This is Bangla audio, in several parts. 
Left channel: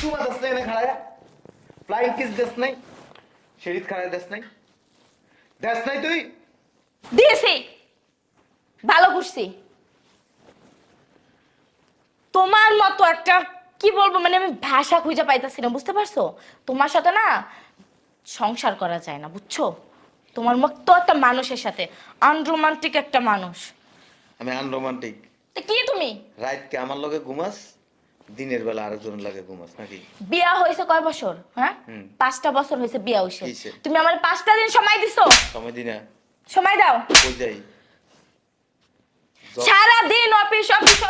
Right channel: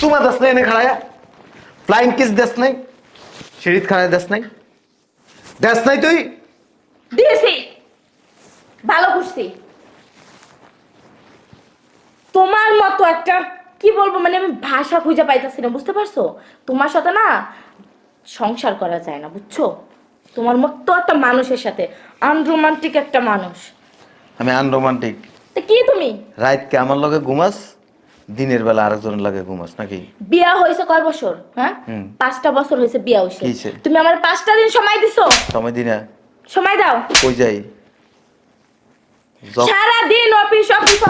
চুমা দাস নাই খাড়ায়া ফ্লাইং কিস দেস নাই সিঁড়িত খাড়ায় দেস নাই। দেস নাই তুই? দিয়েছি। ভালো বুঝছি। তোমার মতো একটা কি বলব মানে আমি ভাষা খুঁজে পাইতেছি না বুঝতে পারছ? তোমার সাথে না সংসার করা যায় না বুঝছ? তোমার মতো একটা মানুষের সাথে আনরোমান্টিক একটা মানুষ। আমি আনরোমান্টিক তা কি তুমি? রাতকে আমার লগে ঘুমাস? দিনের বেলা আরেকজনের লাগে ঘুমাস নাকি? বিয়া হয়েছে কয় বছর? হ্যাঁ? পাঁচটা বছর হয়েছে বিয়া হয়েছে। হইছে? তুমি আমার পাঁচটা দিন সময় দিছো। সময় দিনা সময় দাও। কই যাই? সারা দিন অফিস অফিস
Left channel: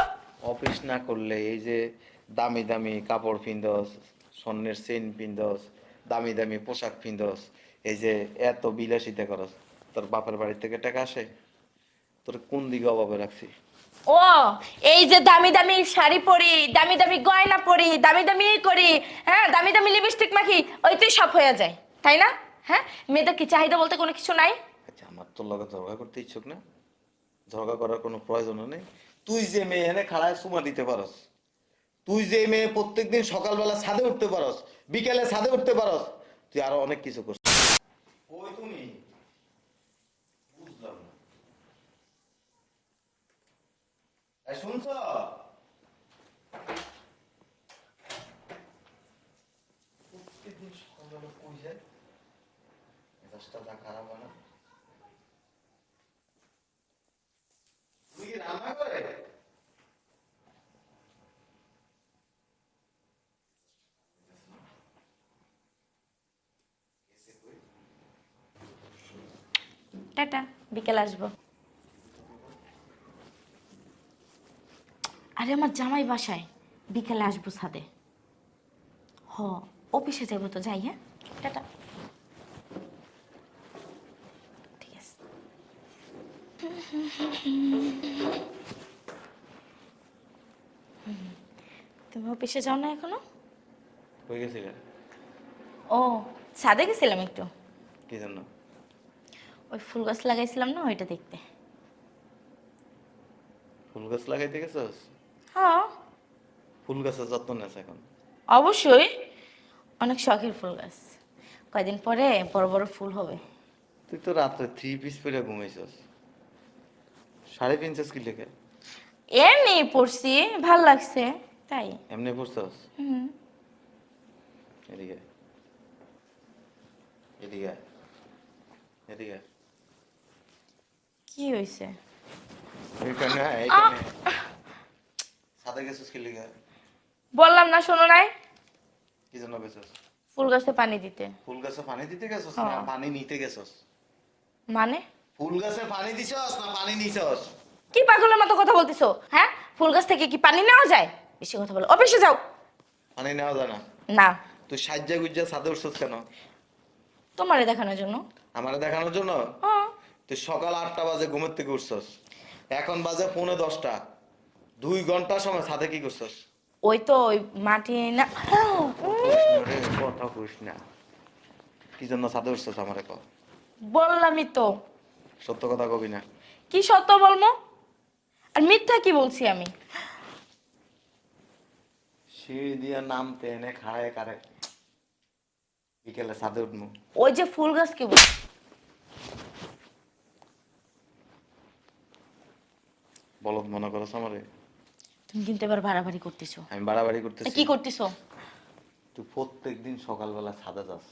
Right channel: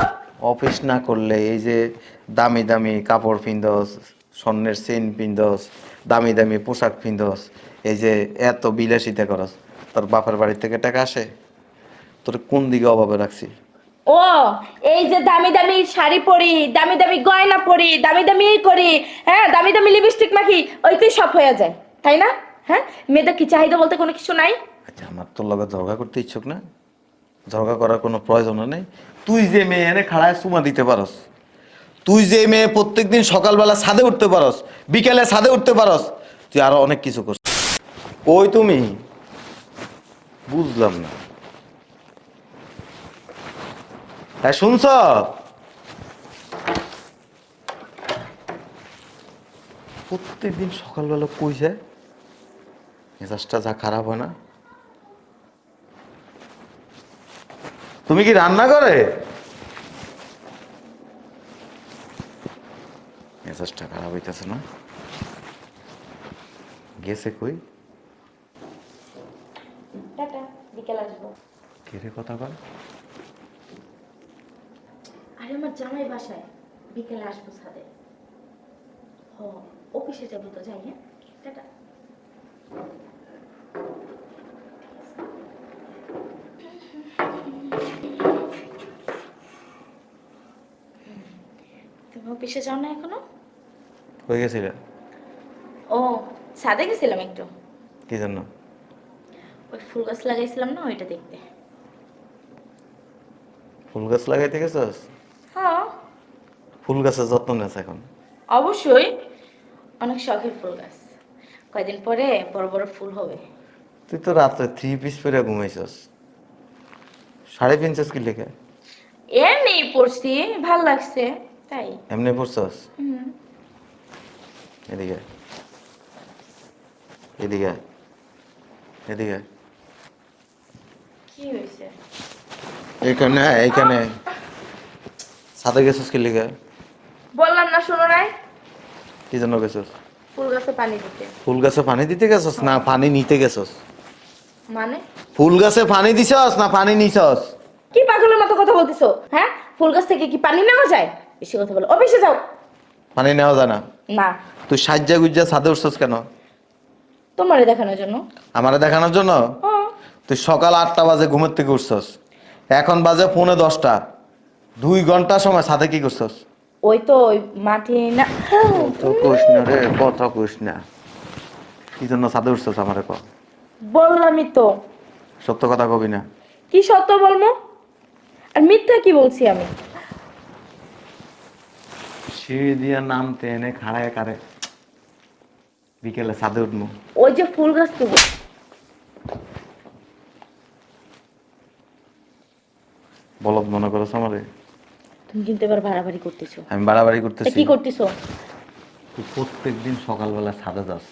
অফিস না করলে এই যে দামি দামি কাপড় পিন্দস স্বর্ণের চেন পিন্দস দামি দামি পোশাক পিন্দস এই যে এত বিলাসিতা করস তোর বাপের বাড়ি থেকে টাকা আসে? তোর কোন দিকে অভাবে রাখছি? ও, এই যে দামি দামি শাড়ি পরি, দামি দামি গয়না পরি, দামি দামি করি হ্যাঁ দামি দামি লিপস্টিক মাখি ওইতেই সব হয়ে যায়, তাই না? হ্যাঁ মেয়েদের কি চাহিদা বলতে কোনো কিছু নাই? আচ্ছা আমার তোর লগে ঝগড়া করতে ইচ্ছুক না। ঝগড়া করার কোনো প্রয়োজন নেই। তুই যে মেয়ে এনে খাড়ায় চুমা দিতে পারস, তুই যে মেয়ে প্রত্যেকদিন সকালবেলা ছাদে উঠতে পারস, বিকেলে ছাদে উঠতে পারস, তুই আরও অনেক কিছু করছিস। কই তুমি? বুঝলাম না। হ্যাঁ শুনছ? প্রত্যেকদিন সকালবেলা কই যায়? মেজাজটা যা খারাপ হয় না। তুমি কি রান্না করে? মেজাজটা খারাপ হইতেছে না? গেছে কই? টাটা বিকেল আসব। কেড়ে কথা বল? আরে আমার জামাই বাসায়। বিকেলে আসব ছাদে। হ অফিসে যাব তো যাই হ্যাঁ? টাটা। তুমি অফিসে যাও না এখনও? হয়ে গেছিলে? ও ছাদে গেছিলাম একটু। কি জন্য? ওই ফুল গাছ লাগাইছিলাম না ওইটা দেখতে। ফুল গাছ লাগাইতে গেছস? ফুল গাছের যত্ন নেস এখন? অবশ্যই। অনেক শখের ফুল গাছ। কয়দিন পরে বড় বড় ফুল হবে। তুই তো রাত্রে থ্রি পিস পরে ঘুমাইছস। শাড়ি পিনছস কি লেখে? এমনি পড়ছি ভালো লাগছে তাই। এমনি পড়ছস? এদিকে এদিকে এদিকে কি হয়েছে এখানে এইখানে সাথে গেছস কি লেগে বললাম না শোনো নাই? কি জন্য গেছস? ফুল গাছে পানি দিতে। ফুল গাছে পানি দিতে গেছস না পানি নিতে গেছস? মানে? ফুল গাছে পানি দিছস না পানি নিছস? কি পাগলের মতো কথা বলতেছো? হ্যাঁ? ফুল গাছ থেকে কি পানি নেওয়া যায়? বেশি কথা বলো। অফিসে যাও। পানি নেওয়া যায় না? না। তুই সাজ্জা গুজ্জা ছাদে উঠছস কেন? তোমারে দেখানোর জন্য। আমারে দেখানোর জন্য? তুই সকাল আটটা বাজে ঘুমের থেকে উঠছস। এখন বাজে পৌনে দশটা। দুই ঘণ্টা সময় সাথে কি করছস? ওই তো ওই মাটি না। তো রে কথা কি জন্য উঠছস আমারে ক? বললামই তো। সত্য কথা কবি না। কি সত্য বলব? আর মিথ্যা কি বলছি আমি? সিঁড়ি দিয়ে নামতে এনে খাড়ায় কারে। বিকেলে ছাদে উঠবো ওই যে ফুল গাছ কি বল- বলদ মনে করছ আমারে? তুমি কিন্তু এবার বাড়াবাড়ি করতেছো। আমি বাড়াবাড়ি করতেছি। কি করতেছো? তুই প্রত্যেক দিন সকালবেলা ছাদে যাস।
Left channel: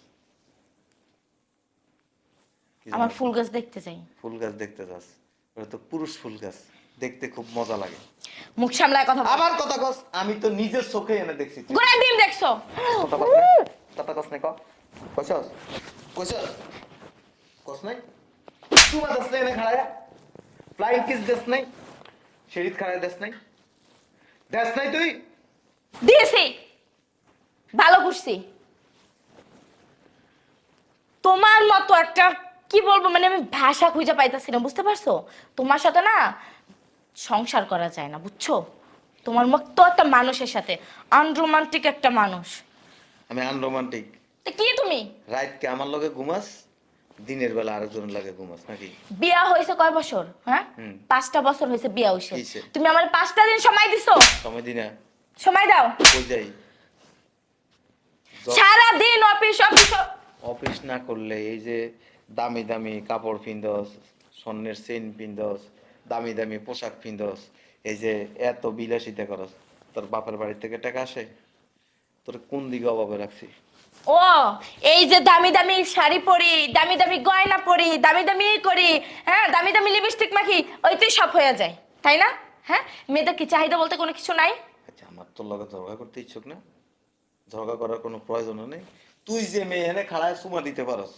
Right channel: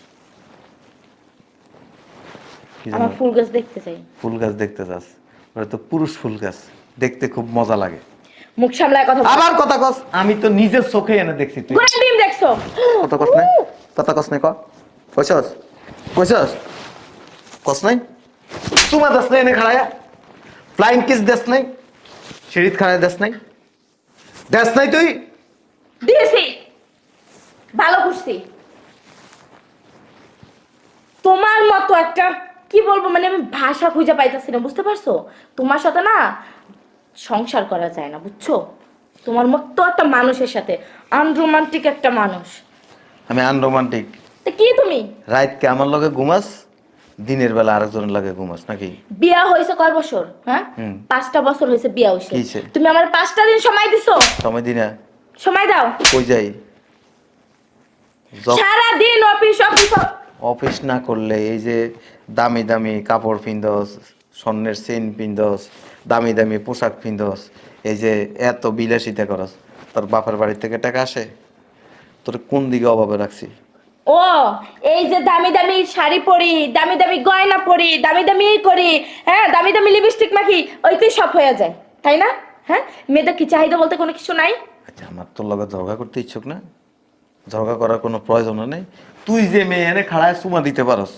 আমার ফুল গাছ দেখতে চাই। ফুল গাছ দেখতে যাস। ওটা তো পুরুষ ফুল গাছ। দেখতে খুব মজা লাগে। মুখ সামলায় কথা বলো। আবার কথা কস। আমি তো নিজের চোখে এনে দেখছি তুই। ঘোড়ার ডিম দেখছ? কথা কস নাই কথা কস নাই ক। কইছস? কইছস? কস নাই? তোমার দাস নাই এনে খাড়ায়া। ফ্লাইং কিস দেস নাই। সিঁড়িত খাড়ায় দেস নাই। দেস নাই তুই? দিয়েছি। ভালো বুঝছি। তোমার মতো একটা কি বলব মানে আমি ভাষা খুঁজে পাইতেছি না বুঝতে পারছ? তোমার সাথে না সংসার করা যায় না বুঝছ? তোমার মতো একটা মানুষের সাথে আনরোমান্টিক একটা মানুষ। আমি আনরোমান্টিক তা কি তুমি? রাইতকে আমার লগে ঘুমাস? দিনের বেলা আরেকজনের লাগে ঘুমাস নাকি? বিয়া হয়েছে কয় বছর? হ্যাঁ? পাঁচটা বছর হয়েছে বিয়া হইছে? তুমি আমার পাঁচটা দিন সময় দিছো। সময় দিনা সময় দাও। কই যাই? সারা দিন অফিস অফিস অফিস। না করলে এই যে দামি দামি কাপড় পিন্দস স্বর্ণের চেন পিন্দস দামি দামি পোশাক পিন্দস এই যে এত বিলাসিতা করস তোর বাপের বাড়ি থেকে টাকা আসে? তোর কোন দিকে অভাবে রাখছি? ও এই যে দামি দামি শাড়ি পরি দামি দামি গয়না পরি দামি দামি করি হ্যাঁ দামি দামি লিপস্টিক মাখি ওইতেই সব হয়ে যায় তাই না? হ্যাঁ মেয়েদের কি চাহিদা বলতে কোনো কিছু নাই? আচ্ছা আমার তোর লগে ঝগড়া করতে ইচ্ছুক না। ঝগড়া করার কোনো প্রয়োজন নেই। তুই যে মেয়ে এনে খাড়ায় চুমা দিতে পারস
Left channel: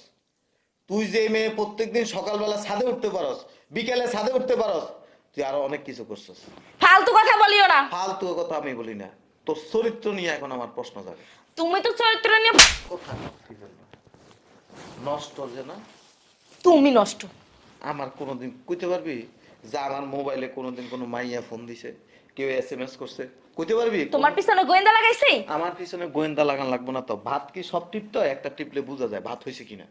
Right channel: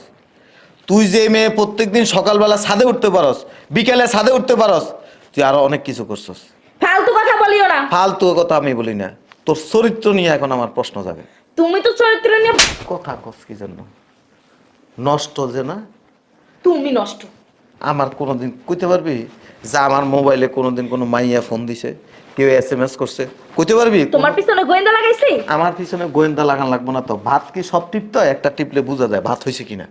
তুই যে মেয়ে প্রত্যেকদিন সকালবেলা ছাদে উঠতে পারস বিকেলে ছাদে উঠতে পারস তুই আরও অনেক কিছু করছস। ফালতু কথা বলিও না। ফালতু কথা আমি বলি না। তোর চরিত্র নিয়ে এখন আমার প্রশ্ন যাবে তুমি তো চরিত্র নিয়ে কথা কস কি জন্য নষ্ট যে না? তুমি নষ্ট। আমার কোনোদিন কইতে পারবি? যে আমার মোবাইলে কোনোদিন কোনো মাইয়া ফোন দিছে কেউ এস এম এস করছে কইতে পারবি? তোমার পিছনে গোয়েন্দা লাগাইছি? আমার পিছনে গোয়েন্দা লাগান লাগবো না তো। ভাত কি সব টিপতে? একটা টিপলে বোঝা যায় ভাত হয়েছে কিনা।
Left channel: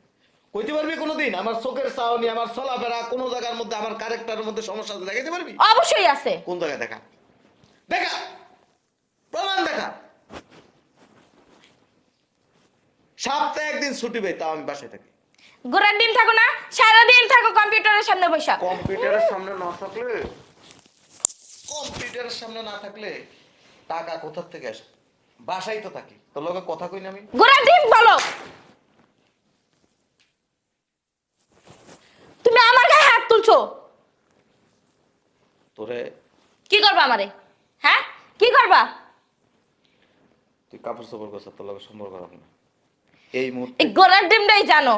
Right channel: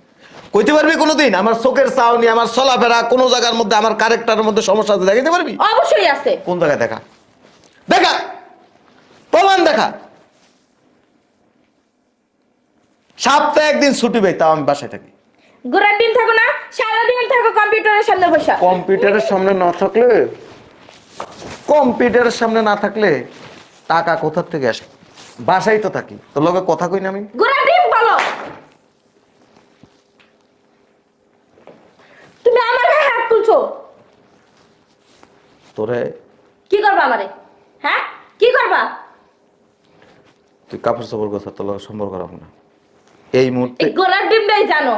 কইতে পারবি কোনোদিন? আমার চোখের চাউনি আমার চলাফেরা কোনো জায়গার মধ্যে আমার ক্যারেক্টারের মধ্যে সমস্যা আছে দেখাইতে পারবি? অবশ্যই আছে। কোন জায়গায় দেখা? দেখা! প্রমাণ দেখা! সপ্তাহে একদিন ছুটি পাই তাও আমি বাসায় থাকি। ঘুরার দিন থাকো না সারাদিন থাকো কম্পিউটারের সামনে বসা। কম্পিউটারের সামনে না থাকলে? কম্পিউটারের সামনে না থাকলে টাকা কোথার থেকে আসে? বাসায় তো থাকি তোর লগে কথা কই না আমি? ঘুরার দিন বলো। তুমি আমার গায়ে হাত তুলছো। তোরে? কি করবা আমারে? হ্যাঁ? কি করবা? তুই কাপড় চোপড় গোছা তোর লগে সম্পর্ক রাখব না। এই মুহূর্তে গোলার ডিমটাই জানো।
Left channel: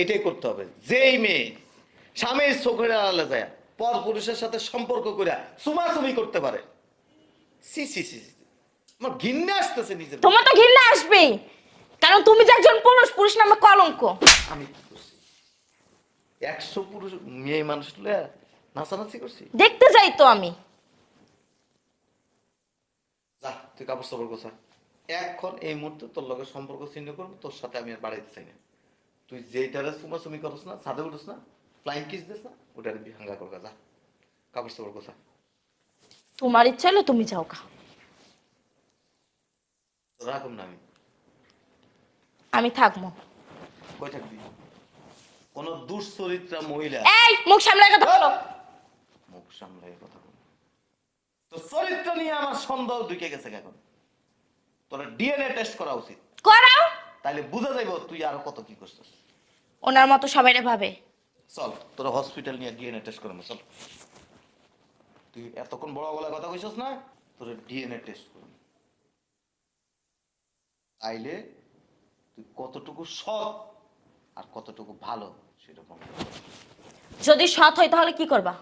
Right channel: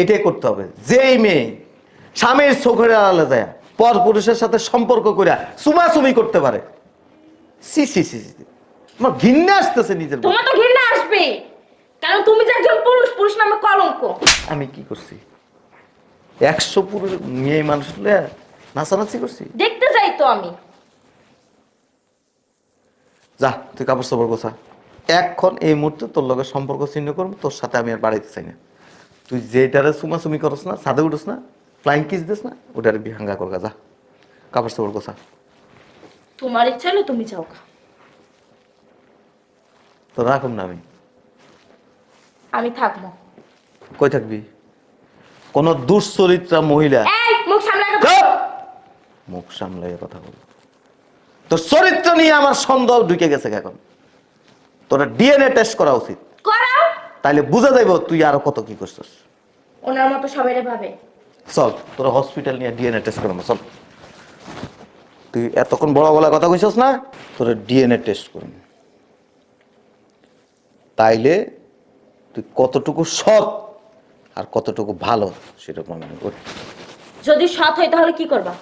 এটাই করতে হবে। যেই মেয়ে স্বামীর চোখের আড়ালে যায় পর পুরুষের সাথে সম্পর্ক করে সুমাসুমি করতে পারে। সি সি সি। আমার ঘৃণা আসতেছে নিজের তোমার তো ঘৃণা আসবে কারণ তুমি যে একজন পুরুষ পুরুষ নামে কলঙ্ক। আমি কি করছি? একশো পুরুষ মেয়ে মানুষ নাচানাচি করছি? দেখতে যাই তো আমি। যা তুই কাপড় চোপড় গোছা। এখন এই মুহূর্তে তোর লগে সম্পর্ক ছিন্ন করব তোর সাথে আমি আর বাড়াইতে চাই না। তুই যেটারে সুমাসুমি করস না সাদে উঠোস না ফ্লাইং কিস দিস না ওটারে বিহাঙ্গা করগা যা। কাপড় চোপড় গোছা। তোমার ইচ্ছা হলো তুমি যাও গা। তো রাখুন না আমি। আমি থাকব। কই থাকবি? কোন দুশ্চরিত্রা মহিলা। এই মুখ সামলে কথা! বলো। মুখ সামলাই কথা বল। তোর চরিত্র নিয়ে আমার সন্দেহ ঢুকে গেছে এখন। তোর ডিএনএ টেস্ট করা উচিত। করাও? তাইলে বুঝা যাইব তুই আরও কত কি করছিস। ওনার মতো সবাই ভাবে। চল তোর হসপিটাল নিয়ে ডিএনএ টেস্ট করাবো চল। তুই এতক্ষণ বড় বলা কথা কইছস না তোর ডিএনএ টেস্ট করুন তাইলে তুই কতটুকু সৎ আর কতটুকু ভালো সেটা আমি করি যদি সৎ হয় তাহলে কি করবা?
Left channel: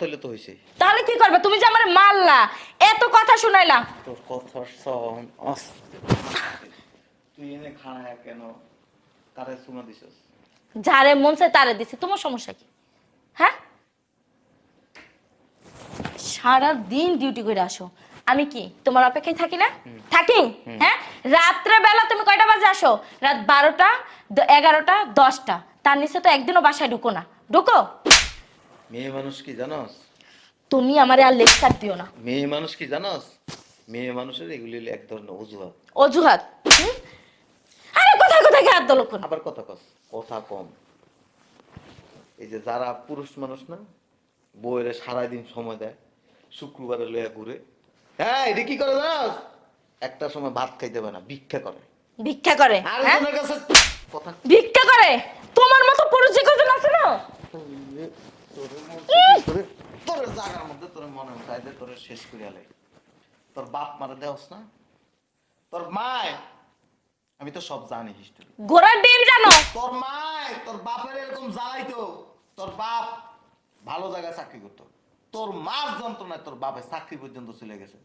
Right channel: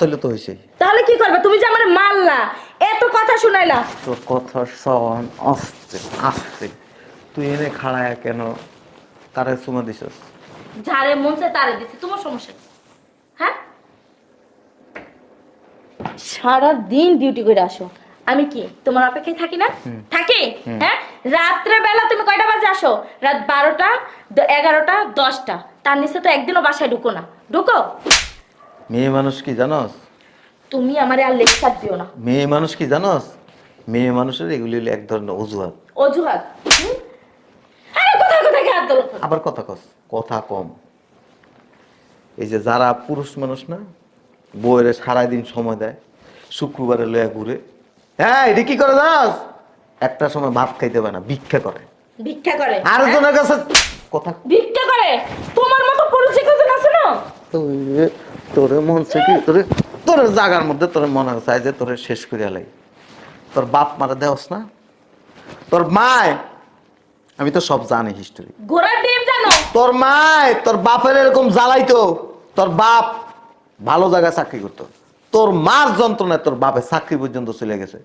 হইলে তো হয়েছে। তাহলে কি করবে? তুমি যে আমার মারলা এত কথা শুনাইলা। তোর সন আসছে আসছে। তুই এনে খাড়ায় কেন? তারে চুমা দিছস। যারে মন চায় তারে দিছে। তোমার সমস্যা কি? হ্যাঁ? সারা দিন ডিউটি করে আসো। আমি কি তোমার অপেক্ষায় থাকি না? থাকি? হ্যাঁ? রাত্রে বেলা তুমি কয়টা বাজে আসো? রাত বারোটা এগারোটা দশটা। তার নিচে তো একদিনও বাসায় ঢুকো না। ঢুকো? মেয়ে মানুষ কি জানস? তুমি আমারে আর লেকচার দিও না। মেয়ে মানুষ কি জানস? মেয়ে মানুষের এগুলি হলো এক ধরনের অজুহাত। অজুহাত? হুম? আরে কোথায় কোথায় হাত দোলো আবার কথা কস কথা কম। এই যে যারা পুরুষ মানুষ না বউয়ের সারাদিন সময় দেয় শুক্রবারে লয়া ঘুরে। হ্যাঁ এটা কি করে জানস? একটা সময় ভাত খাইতে পারে না ভিক্ষা করে। ভিক্ষা করে? আর হ্যাঁ? জনের কাছে কথা ভিক্ষা করে? তোমার মতো কজন আছে না? তোরে তোরে মন থেকে তোরে তোর জাগার মধ্যে তোর মনে চাই যে তোরে শেষ করে লাই। তোর বাপ মারা দেওস না? তোর মায় আমি তো সব জানি হিস্টোরি ঘোড়ার ডিম জানো? তোর মায় তোর বাপের এরকম জ্বালাইতো তোর বাপ ভালো জায়গায় চাকরি করতো। তোর মার যন্ত্রণায় তোর বাপের চাকরি পর্যন্ত চলে গেছে।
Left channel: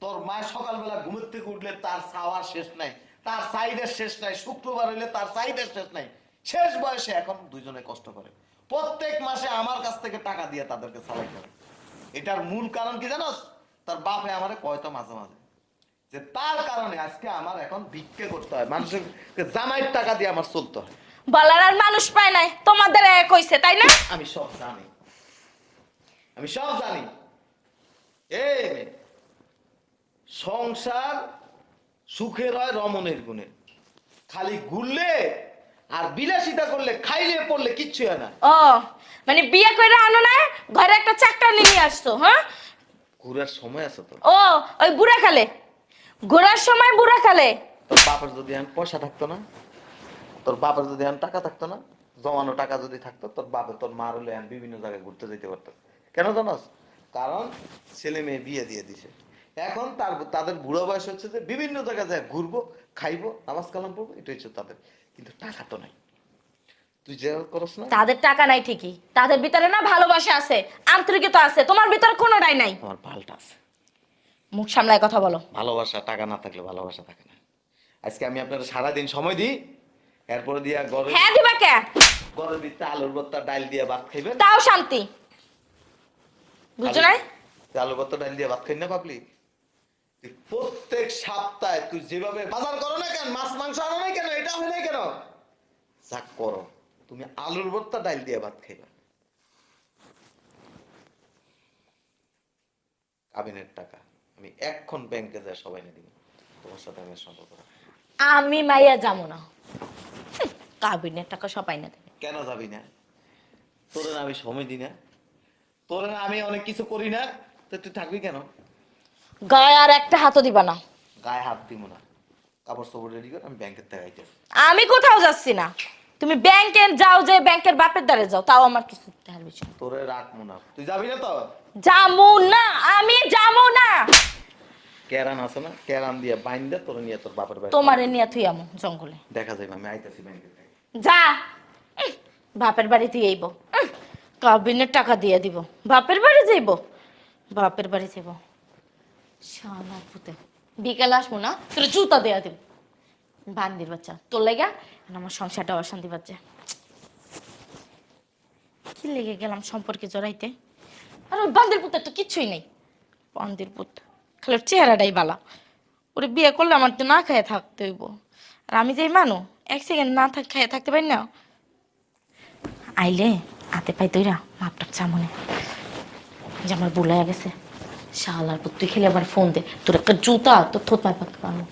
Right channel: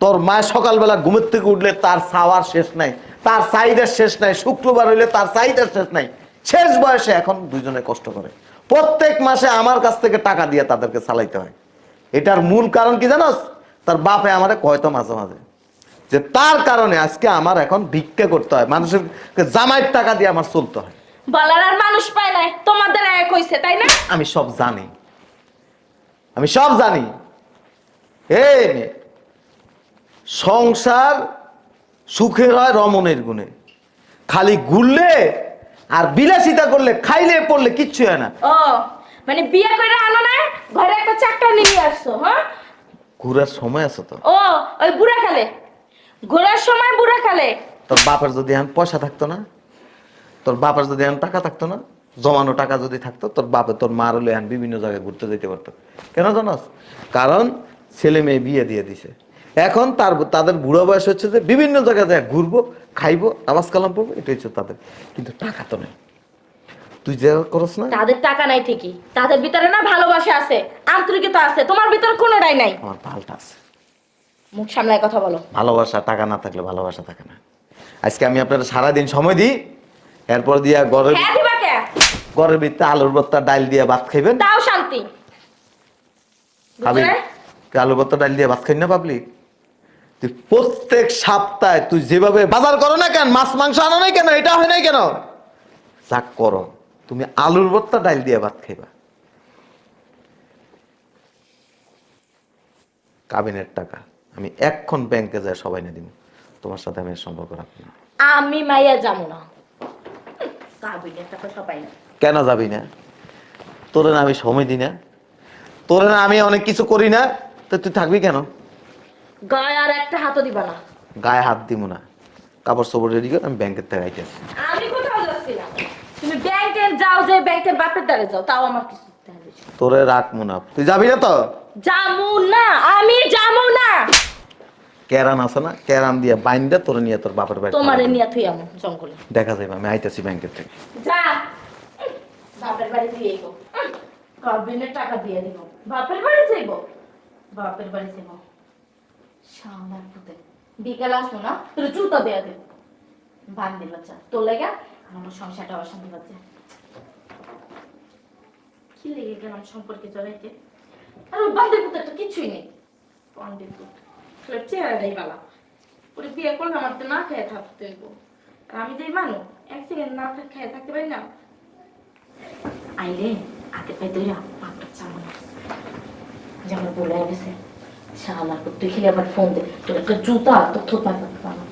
তোর মায় সকালবেলা ঘুমের থেকে উঠলে তার খাওয়ার শেষ নাই তার চাহিদার শেষ নাই শুক্রবার হইলে তার চাহিদার শেষ নাই। শেষ বয়সে এখন দুজনে কষ্ট করে। প্রত্যেক মাসে আমার কাছ থেকে টাকা দিয়ে তাদেরকে চালাইতে হয়। এটার মূল কারণ কি জানোস? তার বাপে আমারে কয়তো মাঝে মাঝে যে তার কারণে আজকে আমার এখন ভিক্ষা করতে হয়। মানুষের জামাইয়ের টাকা দিয়ে আমার চলতে হয়। বলার আর মানুষ পায় নাই তোমাদের এক হইছে তাই না? আমি সব জানি। আমি সব জানি। সংসার সুখের হয় রমণের গুণে। খালি ঘুরলে আর বিলাসিতা করলে খাইলে পড়লে কিচ্ছু হয় না। ও মানে বিয়ে করে আনো না ঘরে একটা চাকরা নিয়ে আসছো হ্যাঁ? ঘুরার সময় আছে তো। ও ওই বুড়া কালে। ঘোরার সময় বুড়া কালে। তোর বাপের যদি এখন পয়সা থাকতো না তোর বাপের যদি এখন টাকা থাকতো না জমানো টাকা যদি থাকতো তোর বাপে তোর মার হলে এখন বিভিন্ন জায়গায় ঘুরতে যেতে পারতো। কেন জানাস? কারণ ছেলে মেয়ে বিয়ে দিয়ে দিছে। এখন তার তাদের বুড়ো বয়স হচ্ছে যে বিভিন্ন জায়গায় যায় ঘুরবো খাইবো আবাস কালাম পড়ব এটা হচ্ছে তাদের। কিন্তু টাকা তো নেই। তুই যে করস না। তাদের টাকা নাই ঠিকই। তাদের ভিতরে না ভালোবাসা আছে আন্তরিকতা আছে তোমার ভিতরে কোনোটাই নাই। আমার পাল্টা আছে। মুখ সামলায় কথা বলো। ভালোবাসা টাকা না থাকলে ভালোবাসা থাকে না। আজকে আমি আপনার সারাদিন সময় দিই এরপর দিয়া ঘরের হ্যাঁ দিবা কে? ভিতরে আলুর ভর্তা ডাল দিয়ে ভাত খাইবেন। তাও শান্তি। বুঝলে? তুই আলু ভর্তা ডাল দিয়ে ভাত খাই না পাবলি তুই প্রত্যেক সপ্তাহে তুই যেভাবে বাজার করো না কেন মাছ মাংস আনো নাই কেন এটা হয় নাই কেন? যাক করো তুমি আলুর ভর্তা ডাল দিয়ে ভাত খাইবা। কাবিনের টাকা আমি এক্ষণ ব্যাংকে যাই সবাই না দিব তোমার সাথে আমি সম্পর্ক রাখি না। আমি মাইয়া যাব না। কাবিনের টাকা সবাই না কেন যাবি না? তোরে না আমি সময় দিই না। তোরে না আমি অনেক কিছু করি না। তো তুই থাকবি কেন? গায়ে আর একটা হাতও দিবা না। গায়ে হাত দিব না। কাপড় চোপড় রেডি করে আমি ব্যাংকের থেকে আইতে আসি। আমি কোথাও যাচ্ছি না। তুমি ব্যাংকে যাও যে ব্যাংকের বাপের দ্বারে যাও তাও আমার কিছু না। তোরে রাখব না। তুই যাবি না তো? যাব না আমি যাব না। ক্যারান আছে না? ক্যারান দিয়ে বাইন্দা তোরে নিয়ে তোর বাপের বাড়ি তোমারে নিয়ে তুই আমো জঙ্গলে। দেখা যাবে আমি আইতেছি ব্যাংকের থেকে। যা। বাপের বাড়ি দিয়ে আইব কাবিনের টাকা দিয়ে দিব। বাপের বাড়ি যাইব? বাপের বাড়ি যাইব। শালা পুতে বিকেল আসব না, তোর জুতা দেওয়া দিব। বান্দির বাচ্চা, তোর লেগা আমার সংসারটা অশান্তি বাচ্চা কি লেগে গেলাম সম্পর্কে জড়াইতে? আর ওই বান্দির পুতের তো কিছুই নেই। বান্দির পুত, খালি চেহারাটাই বালা। ওরে বিয়ে করলে আমার তো না খেয়ে থাকতে হইব। আর আমি যেই মানু, এক সেকেন্ড না থাক খেয়ে থাকতে পারি না। আইলে, হাতে পাই তৈরা মাপটাপ চামনে। যে আমার বলে গেছে। শাহালার পুত্র খেলে আবার ফোন দে। তোর একটা জুতা তোর থোত পাবো